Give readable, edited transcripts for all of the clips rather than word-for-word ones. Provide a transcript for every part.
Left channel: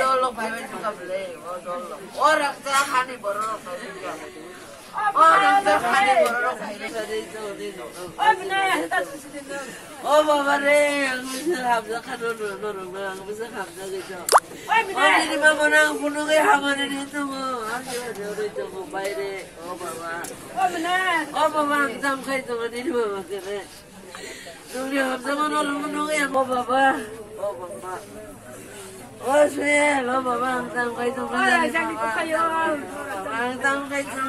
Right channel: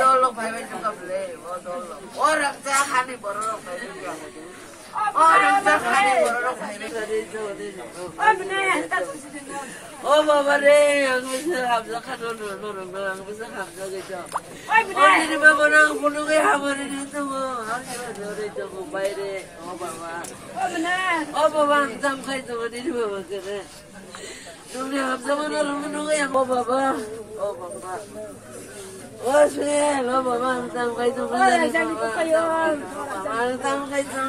Dolok bayar juga beli, dolok. Orang cahani borok bayar. Orang cahani borok bayar. Oh bapa deh, aku siap zakat orang bisa hamzah gitu. Oh ini bapa nang punuh ke hamzah itu mau, aku ada itu mau bayar deh. Oh bapa. Oh bapa antam kai tu ini bapa kene. Dunia hamzah mana orang punuh ke oh bapa. Oh bapa. Oh sih, lo bapa antam kai tu. Oh jangan ikut kayu. Antam kai tu.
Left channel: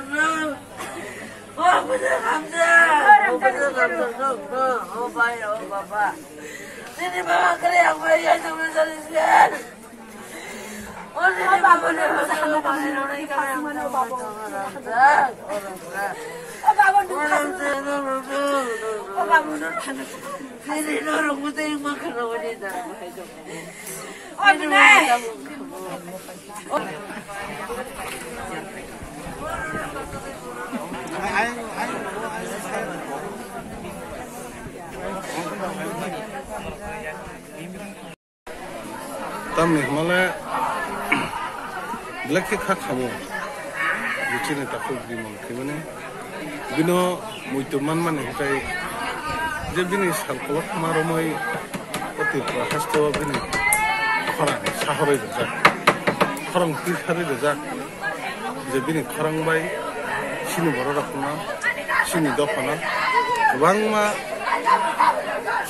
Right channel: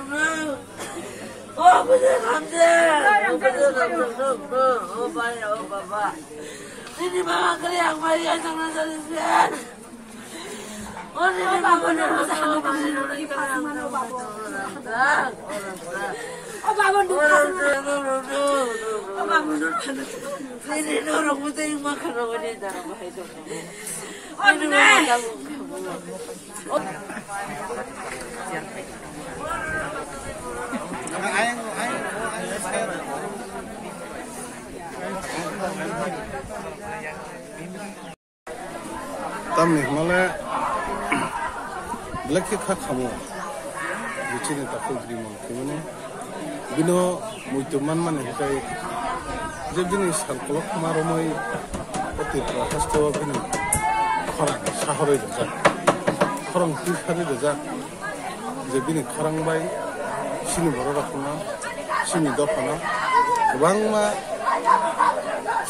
Oh bener hamzah. Oh bener hamzah. Oh bayar oh bapa. Ini bapa kalian bayar jangan jalan. Oh ini bapa bener hamzah. Oh bener kalian mana bapa. Oh bapa dulu. Oh bapa dulu. Ini orang putih makan orang ini dah. Oh bener. Tamni malah belakang kah kamu, lucu nih takut di mana, gimana? Bino muituman mana hukai, jadi nih salkolok maromai, otit rakas tuh bini, orang sahari desa, orang pisari desa, jadi nih orang bayi, sini baru rakuna, sini dopana, bang ma,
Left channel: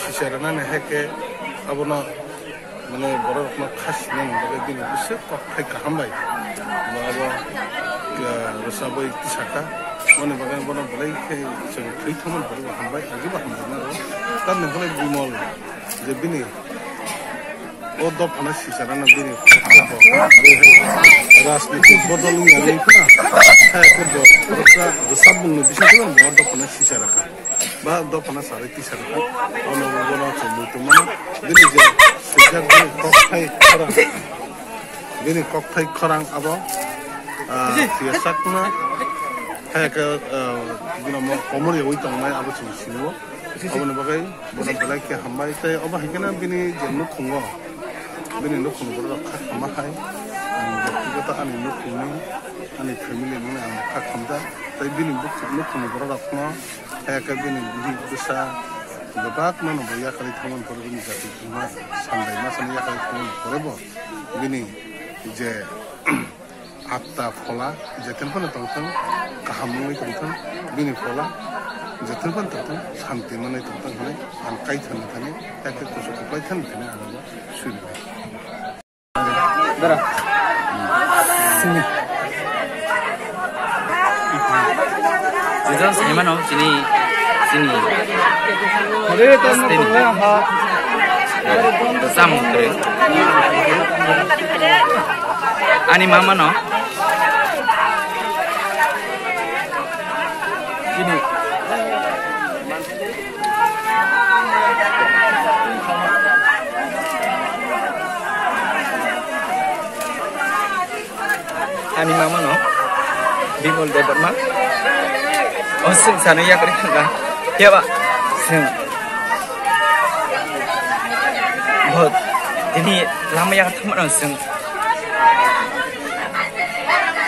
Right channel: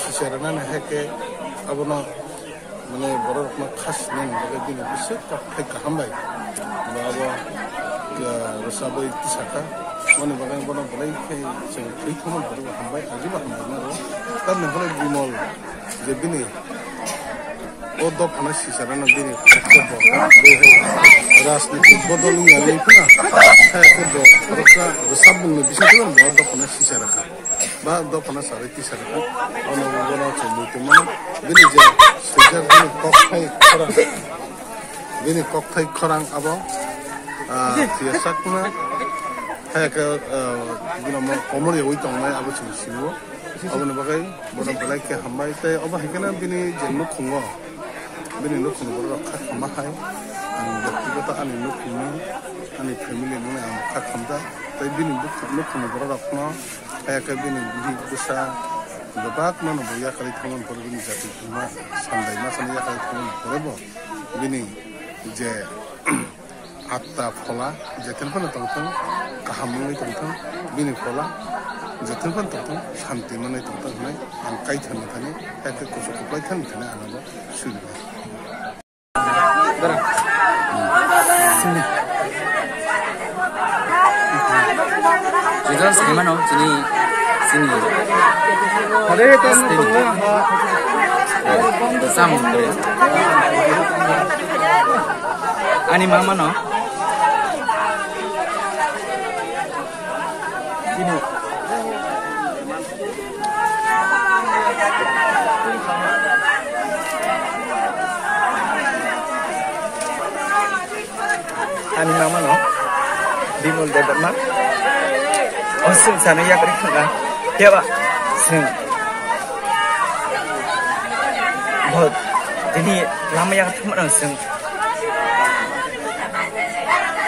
secara nih heke, abona mana baru rakuna khas nih, jadi bini bisa kok heke hambai, bawa ke resabai tisaka. Mana bagian mana belai ke seperti itu mana baru hambai, lagi hambai mana? Tapi nih kalau bimol, jadi nih, oh dua panas sih sarana bini, ras nih bodolnya nih pernah, kerja, terus sabun nih bisa tuh kan dua panas sih sarana, bah dua panas sariti sarana, orang cuma itu mana, bini je sejak bini koktai korang apa, siasat mana. Kayak guna mau komor ya, itu orang apa sih sini wo, apa nih bagai, bodoh belai ke hambai, tapi apa hikana bini jenuk kungo, bini nuk kungo bodoh kah hambai, jadi kita ani nuk kungo, ani family nune am kah hamda, tapi bini nuk kungo bodoh kungo, kayak bini bisa, lebat mana boya kali kaman bodoh bini jatuh cuma sandai macam ya kali kaman bodoh, bini je atta fola jatuh pun tentang kahamui tentang bini fola jatuh pun tentang santi mana tentang mana angkai thani thani kayak kusuk kupai thani thani anu sulit. Dara. Sini. Jadi saya mana sini. Ada itu tengah ha. Sam kere. Ani mama no. Ini ani mama no bimol debat mak oh sing sana ya kari kan ya pak sing buat ini lama ya ketemu dong sing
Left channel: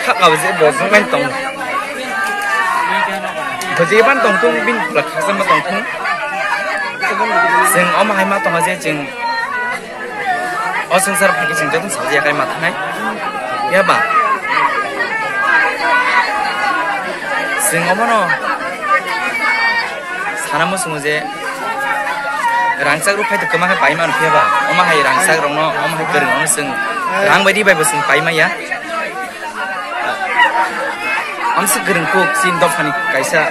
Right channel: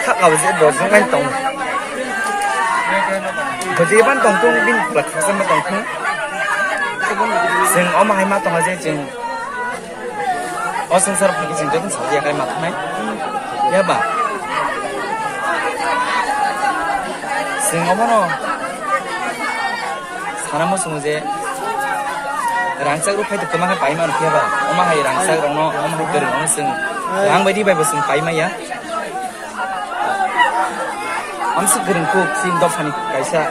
kak nggak bisa buat main tong Bagi ban tongtung bin belak sama tongtung, sing om hai ma tong aja jeng, oseng sarap lagi jeng jatuh saja kali mata hai, ya ba, sing om no, sana mau semuje, rangsak rupai tu kemana pai ma rupiah ba, om hai rangsak rono, om hai gereng rono sing, rang badi bai besing pai ma ya. Am segereng kok sin dofani kaisa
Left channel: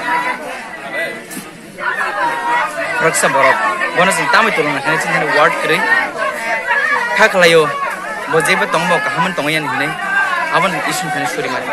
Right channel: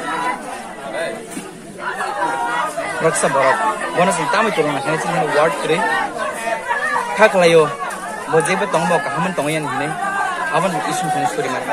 raksa borok bona sin tamai tulung na sin hene word kre khakhlayo bojeba tongbo kahaman tongayan hine aban isun thani suri mai